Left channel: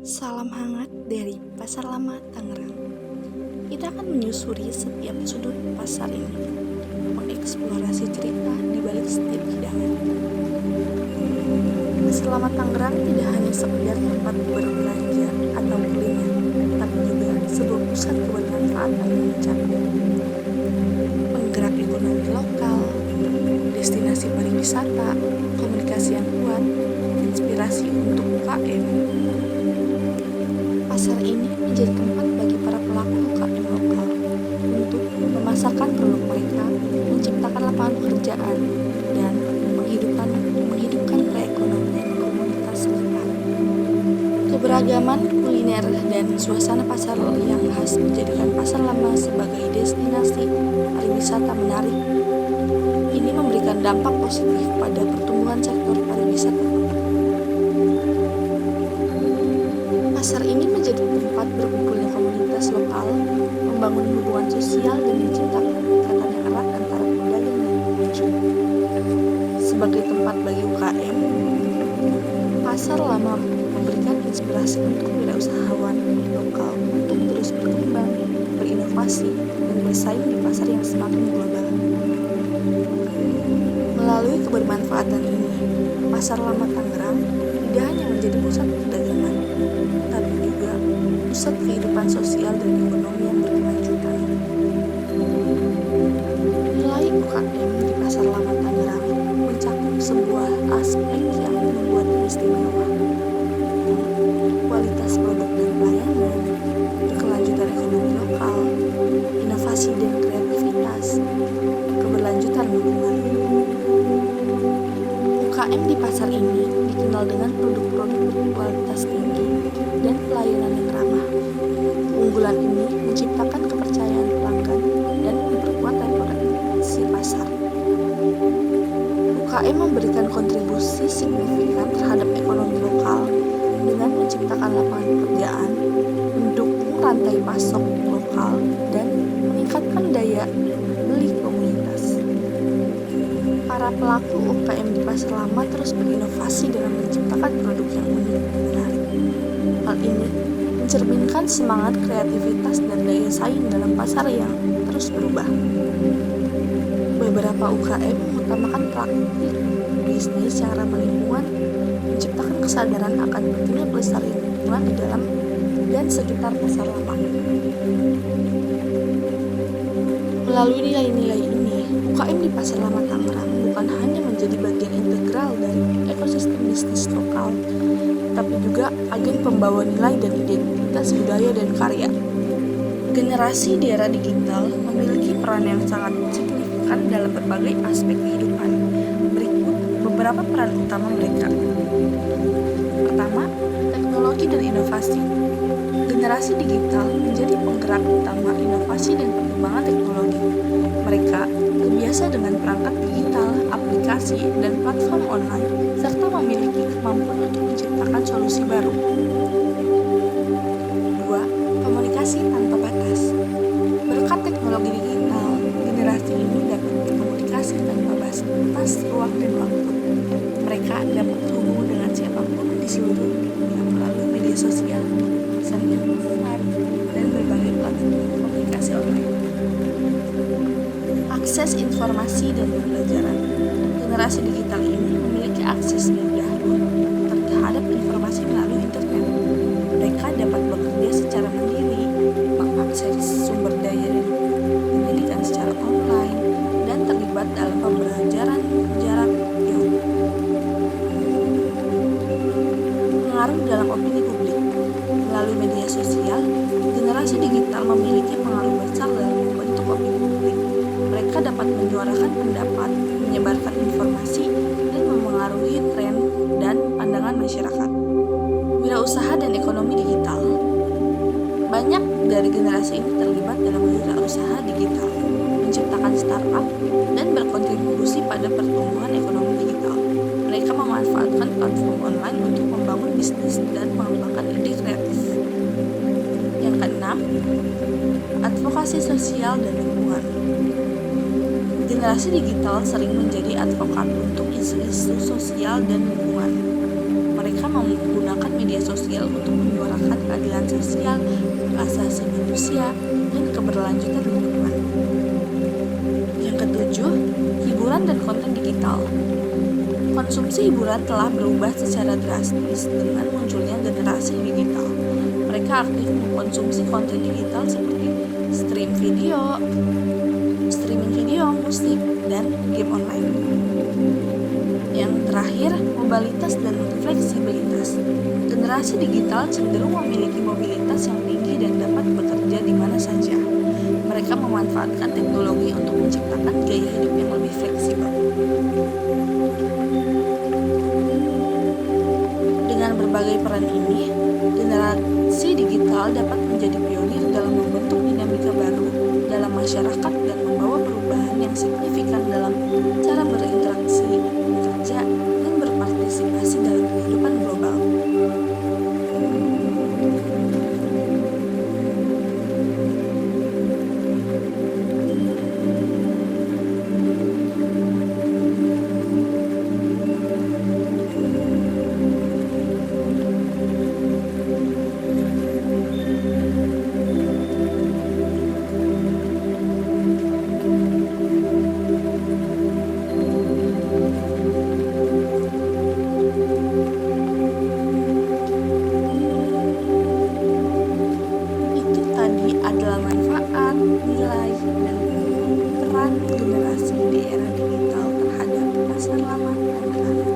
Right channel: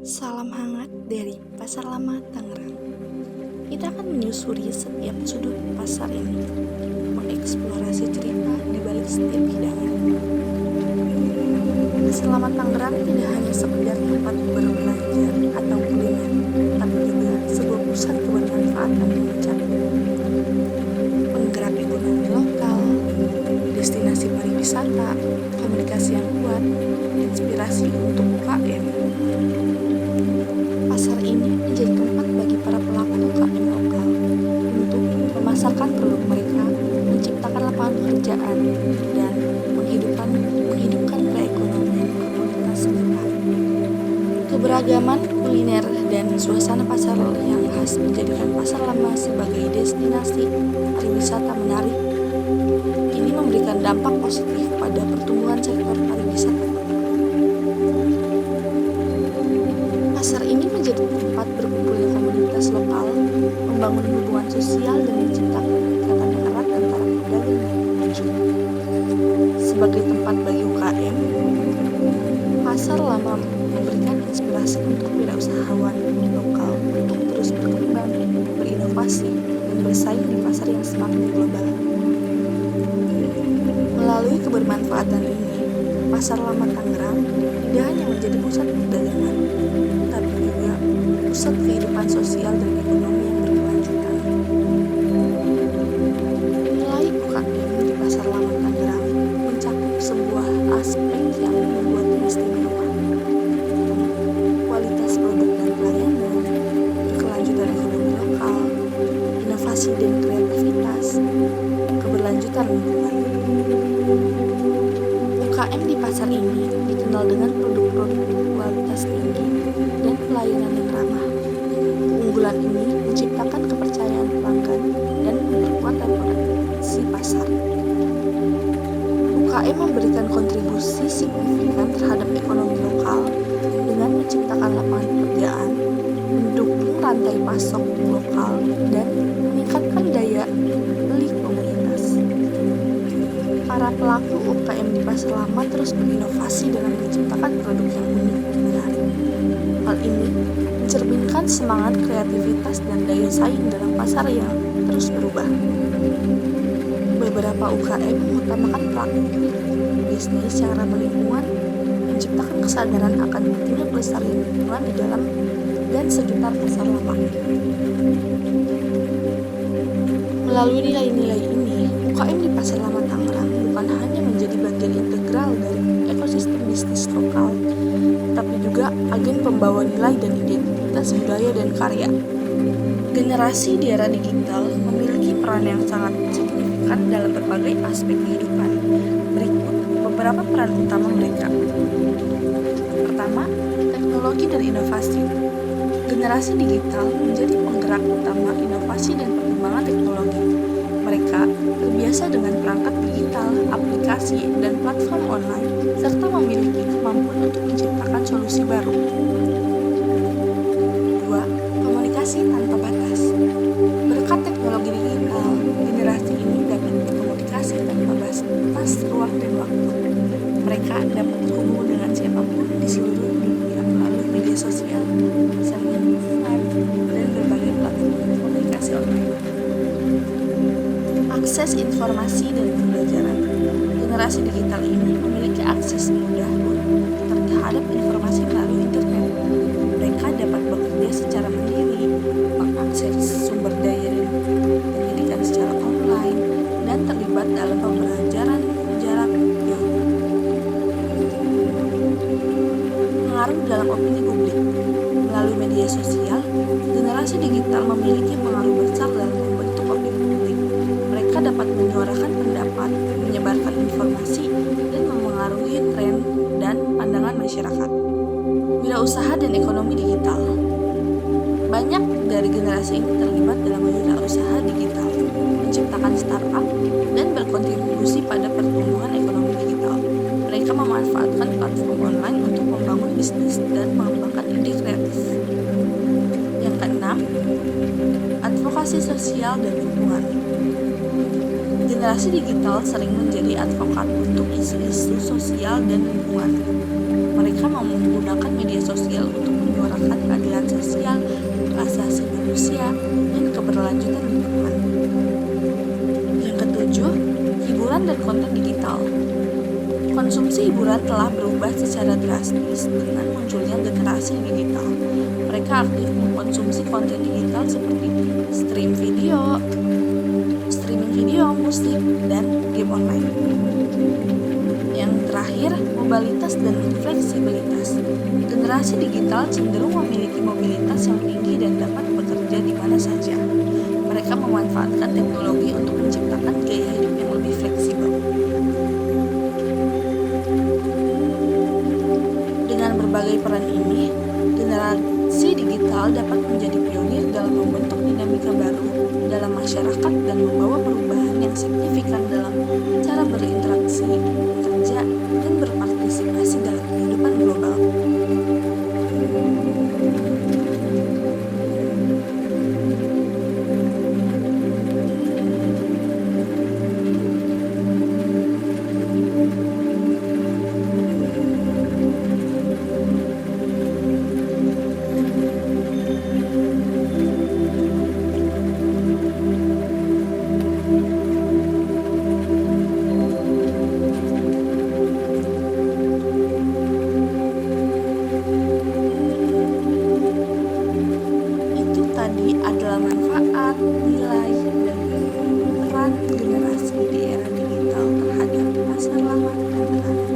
Salam hangat dari Pasar Lama Tangerang. Kita akan menyusuri setiap sudut pasar ini, mengeksplorasi cerita di balik setiap hidangan. Pasar Lama Tangerang tidak hanya sekedar tempat berbelanja atau kuliner, tapi juga sebuah pusat kebermanfaatan yang mencakup penggerak ekonomi lokal, destinasi pariwisata, komunikasi yang kuat, inspirasi untuk UKM. Pasar ini menjadi tempat bagi para pelaku UKM lokal untuk memasarkan produk mereka, menciptakan lapangan pekerjaan, dan menghidupkan perekonomian komunitas sekitar. Keberagaman kuliner dan suasana pasar yang khas menjadikan Pasar Lama sebagai destinasi pariwisata menarik. Ini memberikan dampak positif pada pertumbuhan sektor pariwisata kota. Pasar ini menjadi tempat berkumpulnya komunitas lokal, membangun hubungan sosial dan menciptakan ikatan yang erat antara pedagang dan pengunjung. Sebagai tempat bagi UKM, Pasar Lama memberikan inspirasi untuk wirausahawan lokal untuk terus berkembang, berinovasi, dan bersaing di pasar yang semakin global. Melalui kebermanfaatan ini, Pasar Lama Tangerang tidak hanya menjadi pusat perdagangan, tapi juga pusat kehidupan sosial dan ekonomi yang berkelanjutan. Nilai UKM di Pasar Lama Tangerang mencakup sebuah aspek yang membuatnya istimewa. Kualitas produk dan pelayanan, berkelanjutan ekonomi lokal, inovasi dan kreativitas, keberlanjutan lingkungan. UKM di pasar ini dikenal dengan produk-produk berkualitas tinggi dan pelayanan yang ramah. Keunggulan ini menciptakan kepercayaan pelanggan dan memperkuat reputasi pasar. UKM memberikan kontribusi signifikan terhadap ekonomi lokal dengan menciptakan lapangan pekerjaan, mendukung rantai pasok lokal, dan meningkatkan daya beli komunitas. Para pelaku UKM di Pasar Lama terus berinovasi dalam menciptakan produk yang unik dan menarik. Hal ini mencerminkan semangat kreativitas dan daya saing dalam pasar yang terus berubah. Beberapa UKM mengutamakan praktik bisnis yang ramah lingkungan, menciptakan kesadaran akan pentingnya pelestarian lingkungan di dalam dan sekitar Pasar Lama. Melalui nilai-nilai ini, UKM di Pasar Lama Tangerang bukan hanya menjadi bagian integral dari ekosistem bisnis lokal, tapi juga agen pembawa nilai dan identitas budaya dan karya. Generasi di era digital memiliki peran yang sangat signifikan dalam berbagai aspek kehidupan. Berikut beberapa peran utama mereka. Pertama, teknologi dan inovasi. Generasi digital menjadi penggerak utama inovasi dan perkembangan teknologi. Mereka terbiasa dengan perangkat digital, aplikasi, dan platform online, serta memiliki kemampuan untuk menciptakan solusi baru. 2. Komunikasi tanpa batas. Berkat teknologi digital, generasi ini dapat berkomunikasi tanpa batas ruang dan waktu. Mereka dapat terhubung dengan siapapun di seluruh dunia melalui media sosial, pesan instan, dan berbagai platform komunikasi online. Akses informasi dan pembelajaran. Generasi digital ini memiliki akses mudah terhadap informasi melalui internet. Mereka dapat bekerja secara mandiri, mengakses sumber daya dan pendidikan secara online, dan terlibat dalam pembelajaran jarak jauh. Pengaruh dalam opini publik. Melalui media sosial, generasi digital memiliki pengaruh besar dalam membentuk opini publik. Mereka dapat menyuarakan pendapat, menyebarkan informasi, dan memengaruhi tren dan pandangan masyarakat. Wirausaha dan ekonomi digital. Banyak dari generasi ini terlibat dalam wirausaha digital, menciptakan startup, dan berkontribusi pada pertumbuhan ekonomi digital. Mereka memanfaatkan platform online untuk membangun bisnis dan mengembangkan ide kreatif. Yang keenam, advokasi sosial dan lingkungan. Generasi digital sering menjadi advokat untuk isu-isu sosial dan lingkungan. Mereka menggunakan media sosial untuk menyuarakan keadilan sosial, hak asasi manusia, dan keberlanjutan lingkungan. Yang ketujuh, hiburan dan konten digital. Konsumsi hiburan telah berubah secara drastis dengan munculnya generasi digital. Mereka aktif mengkonsumsi konten digital seperti streaming video, musik, dan game online. Yang terakhir, mobilitas dan fleksibilitas. Generasi digital cenderung memiliki mobilitas yang tinggi dan dapat bekerja di mana saja. Mereka memanfaatkan teknologi untuk menciptakan gaya hidup yang lebih fleksibel. Dengan berbagai peran ini, generasi digital dapat menjadi pionir dalam membentuk dinamika baru dalam masyarakat dan membawa perubahan yang signifikan dalam cara berinteraksi, bekerja, dan berpartisipasi dalam kehidupan global. Tadi adalah manfaat, nilai, dan peran generasi di era digital terhadap pasar lama dan baru.